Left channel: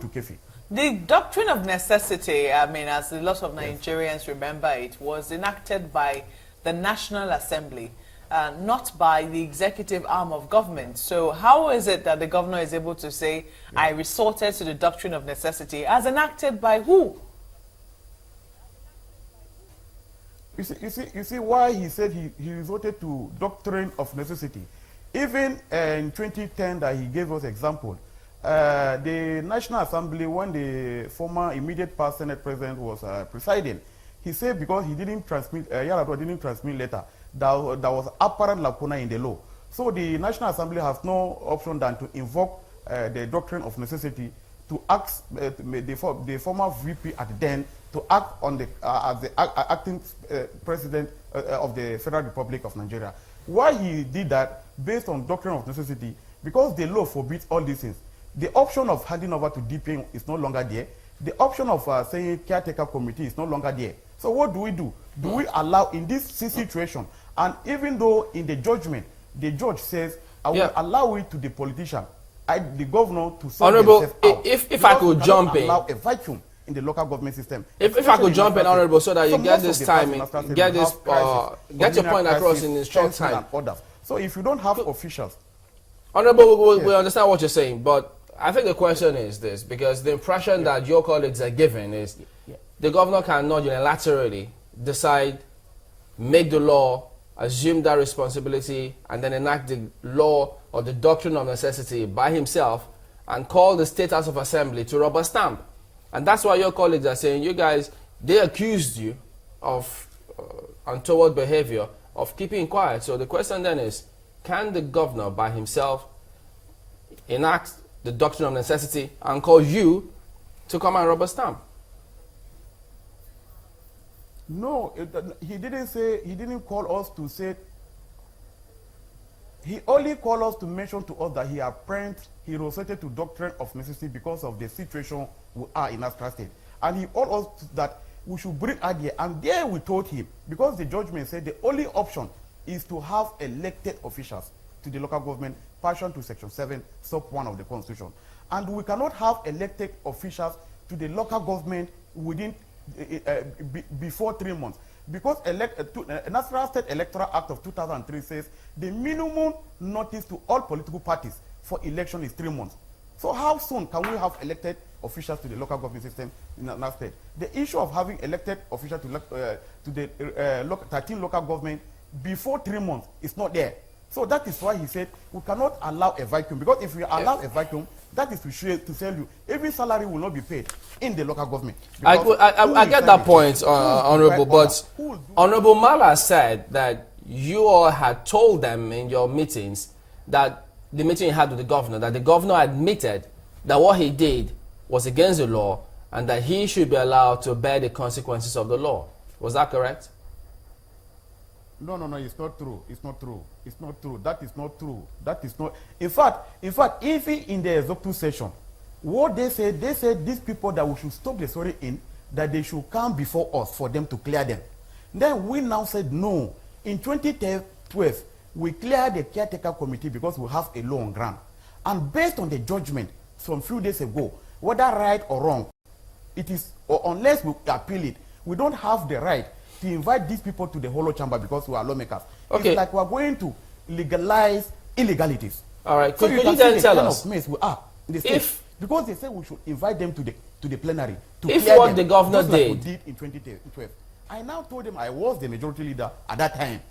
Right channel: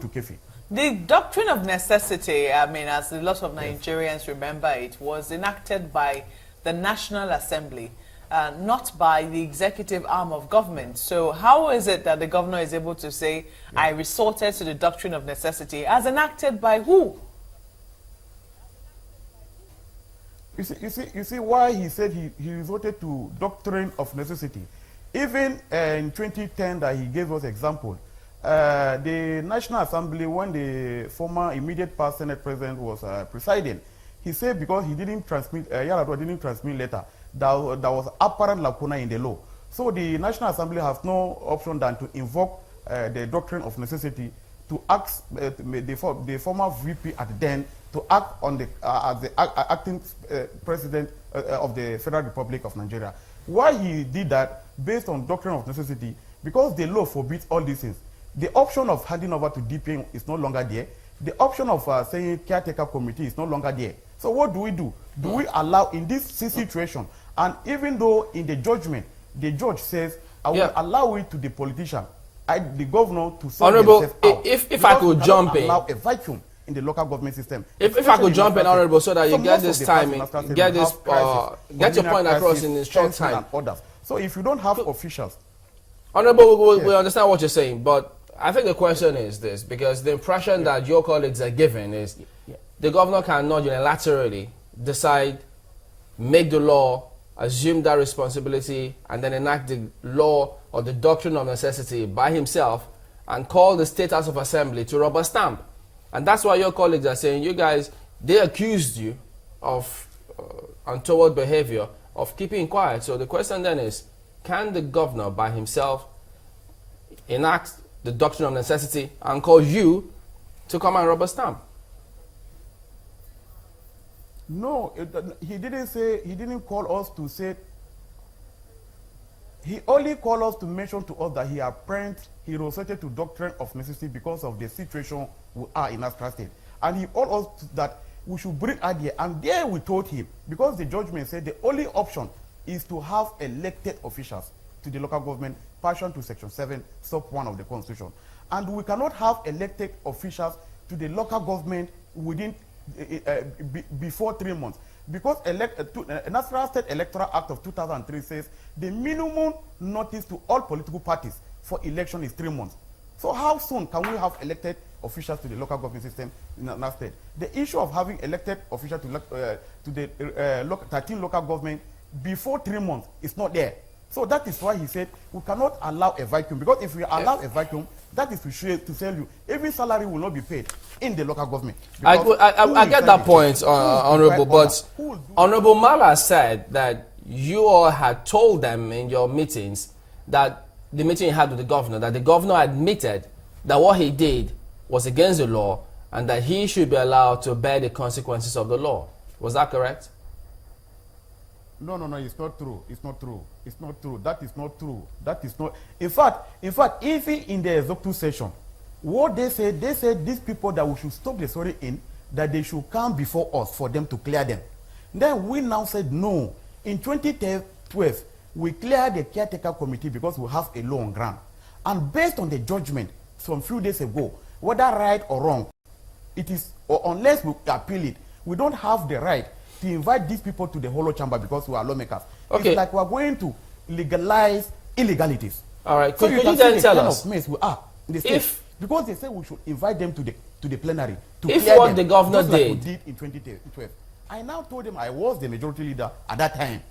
to Kefi. The doctrine of necessity, I mean, as a lot of Nigerians remember it, was enacted by the National Assembly, not by the executive arm of government. So how is it that the governor is able to say, I resorted to the doctrine of necessity, as enacted by who? You see why he said he resorted to doctrine of necessity. Even in 2010 that he gave us example, the National Assembly, when the former immediate past Senate President was presiding, he said because he didn't transmit, Yaradua didn't transmit letter, there was apparent lacuna in the law. So the National Assembly has no option than to invoke the doctrine of necessity to ask the former VP at then to act on the as the acting president of the Federal Republic of Nigeria. Why he did that, based on doctrine of necessity, because the law forbids all these things. The option of handing over to DPM is no longer there. The option of saying caretaker committee is no longer there. So what do? Do we allow in this situation? And even though in the judgment, the judge says, I will allow it to the politician, the governor to sort Honorable, themselves out. if I could jump in. Allow a vacuum in the local government system. If I could jump in, Honorable, so that you get this timing, get your point across in a short time. So if you don't have officials. Honorable, we understand what you're saying, but I think the question is this, because the impression that your colleagues are given is the governor cannot unilaterally decide, make the law, assume that responsibility, and then enact the law or the doctrine of necessity by himself and call the State House of Assembly to rubber stamp. And that's why your colleagues are saying, you guys, they accused you of untoward behavior, of keeping quiet. So the question then is, can the governor by himself enact the doctrine of necessity and call you to come and rubber stamp? No, he didn't say, he didn't call us to say, he only called us to mention to us that he resorted to doctrine of necessity because of the situation we are in Nasarawa State. And he told us that we should bring idea. And there we told him, because the judgment said the only option is to have elected officials to the local government, partial to Section 7, sub 1 of the Constitution. And we cannot have elected officials to the local government within before 3 months. Because Nasarawa State Electoral Act of 2003 says the minimum notice to all political parties for election is 3 months. So how soon can we have elected officials to the local government system in Nasarawa State? The issue of having elected officials to the 13 local government before 3 months is not there. So that is why he said we cannot allow a vacuum, because if we allow a vacuum, that is to tell you every salary will not be paid in the local government. I get that point, Honorable, but Honorable Mala said that you all had told them in your meetings, that the meeting you had with the governor, that the governor admitted that what he did was against the law and that he should be allowed to bear the consequences of the law. Was that correct? No, it's not true. It's not true. It's not true. That is not true. That is not. In fact, even in the executive session, what they said these people that we should stop the story in, that they should come before us for them to clear them. Then we now said no. In 2012, we cleared the caretaker committee because we have a law on ground. And based on the judgment from a few days ago, whether right or wrong, it is, or unless we appeal it, we don't have the right to invite these people to the hollow chamber because we are lawmakers. Okay. It's like we are going to legalize illegalities. All right. So Could you you can then see the tell kind us of mess we are in the state, because they say we should invite them to the plenary to if clear what them, the governor just like we did did in 2012. I now told them I was the majority leader at that time,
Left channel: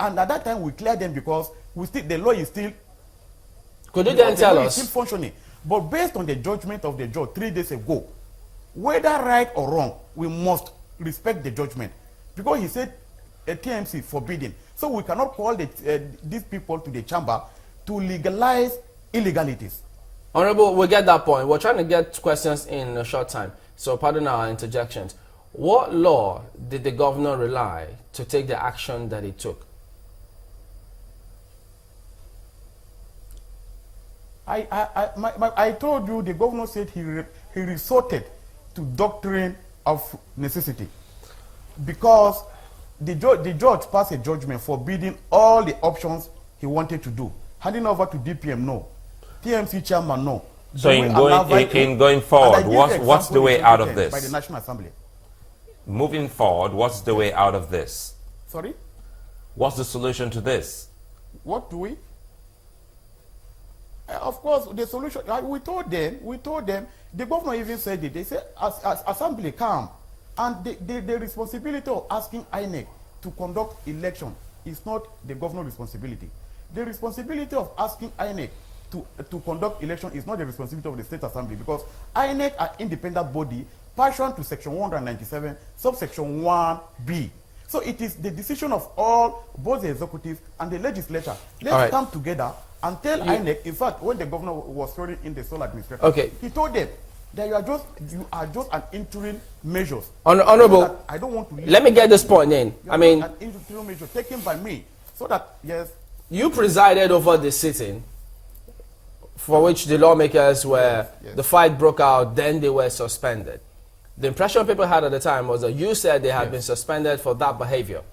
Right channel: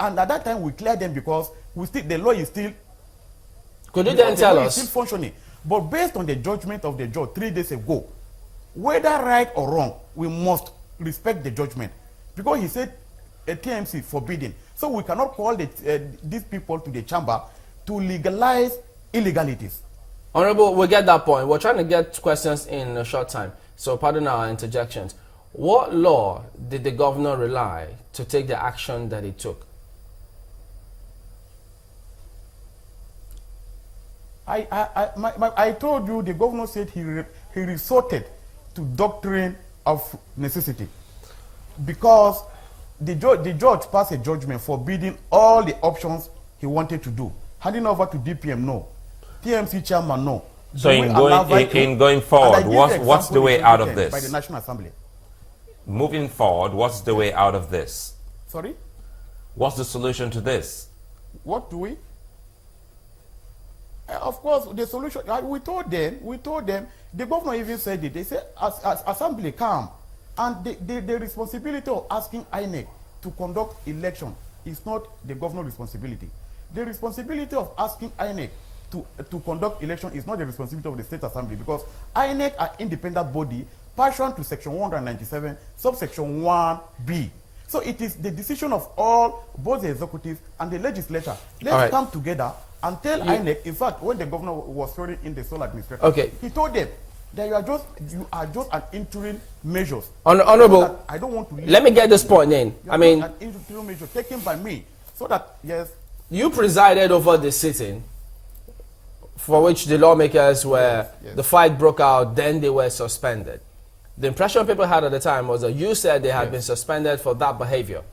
and at that time we cleared them because the law is still. Could you then tell us? Still functioning, but based on the judgment of the judge 3 days ago, whether right or wrong, we must respect the judgment, because he said a TMC forbidden. So we cannot call these people to the chamber to legalize illegalities. Honorable, we'll get that point. We're trying to get questions in a short time, so pardon our interjections. What law did the governor rely to take the action that he took? I told you the governor said he resorted to doctrine of necessity because the judge passed a judgment forbidding all the options he wanted to do. Handing over to DPM, no. TMC chairman, no. So in going forward, what's the way out of this? By the National Assembly. Moving forward, what's the way out of this? Sorry? What's the solution to this? What do we? Of course, the solution, we told them, the governor even said it. They said, as Assembly come, and the responsibility of asking INEC to conduct election is not the governor's responsibility. The responsibility of asking INEC to conduct election is not the responsibility of the State Assembly, because INEC are independent body pursuant to Section 197, subsection 1B. So it is the decision of both the executive and the legislature. Let's come together and tell INEC. In fact, when the governor was swearing in the sole administration, he told them that you are just an interim measures. Honorable, I don't want to. Let me get this point in. I mean, an interim measure taken by me, so that yes. You presided over the sitting, for which the lawmakers were, the fight broke out, then they were suspended. The impression people had at the time was that you said they had been suspended for that behavior.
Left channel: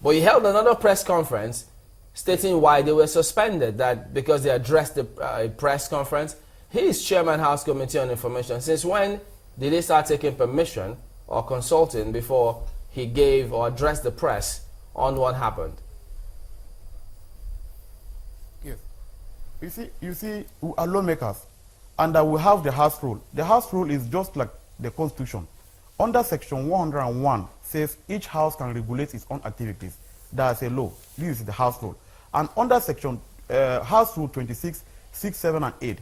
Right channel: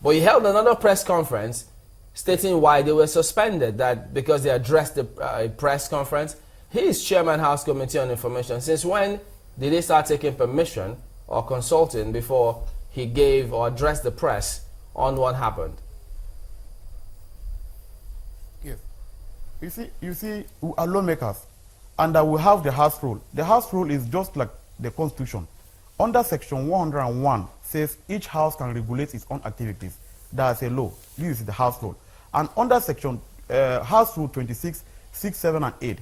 But you held another press conference stating why they were suspended, that because they addressed the press conference. He is Chairman House Committee on Information. Since when did they start taking permission or consulting before he gave or addressed the press on what happened? Yes. You see, we are lawmakers, and we have the House rule. The House rule is just like the Constitution. Under Section 101 says each house can regulate its own activities. That's a law. This is the House rule. And under Section House Rule 26, 6, 7, and 8,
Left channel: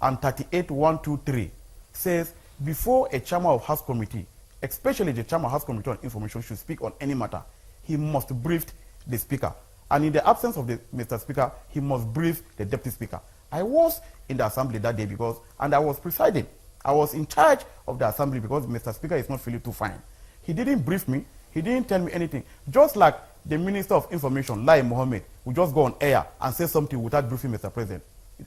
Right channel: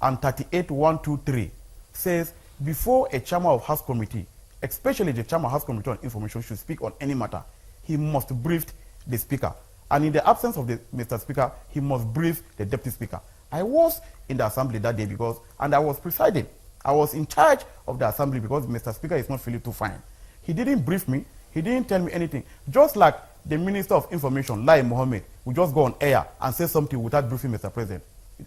and 38, 1, 2, 3 says before a chairman of House Committee, especially the chairman of House Committee on Information, should speak on any matter, he must brief the Speaker. And in the absence of the Mr. Speaker, he must brief the Deputy Speaker. I was in the Assembly that day and I was presiding. I was in charge of the Assembly because Mr. Speaker is not feeling too fine. He didn't brief me. He didn't tell me anything. Just like the Minister of Information, Lai Mohammed, will just go on air and say something without briefing Mr. President.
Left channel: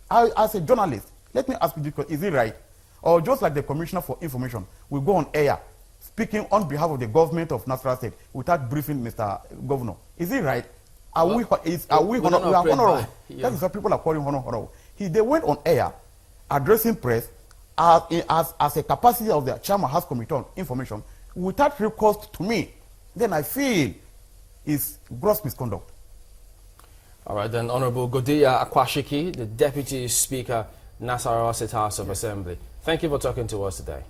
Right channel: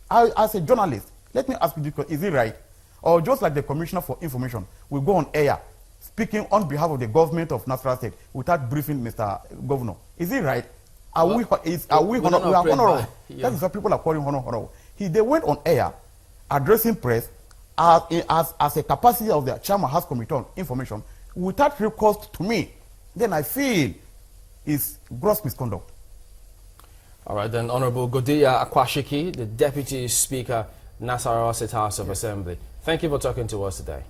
As a journalist, let me ask you, is it right? Or just like the Commissioner for Information will go on air speaking on behalf of the government of Nasarawa State without briefing Mr. Governor. Is it right? Are we honorable? That is what people are calling honorable. They went on air addressing press as a capacity of the Chairman House Committee on Information without recourse to me. Then I feel it's gross misconduct. All right, then, Honorable Godiya Akwashiki, the Deputy Speaker, Nasarawa State House of Assembly. Thank you for talking to us today.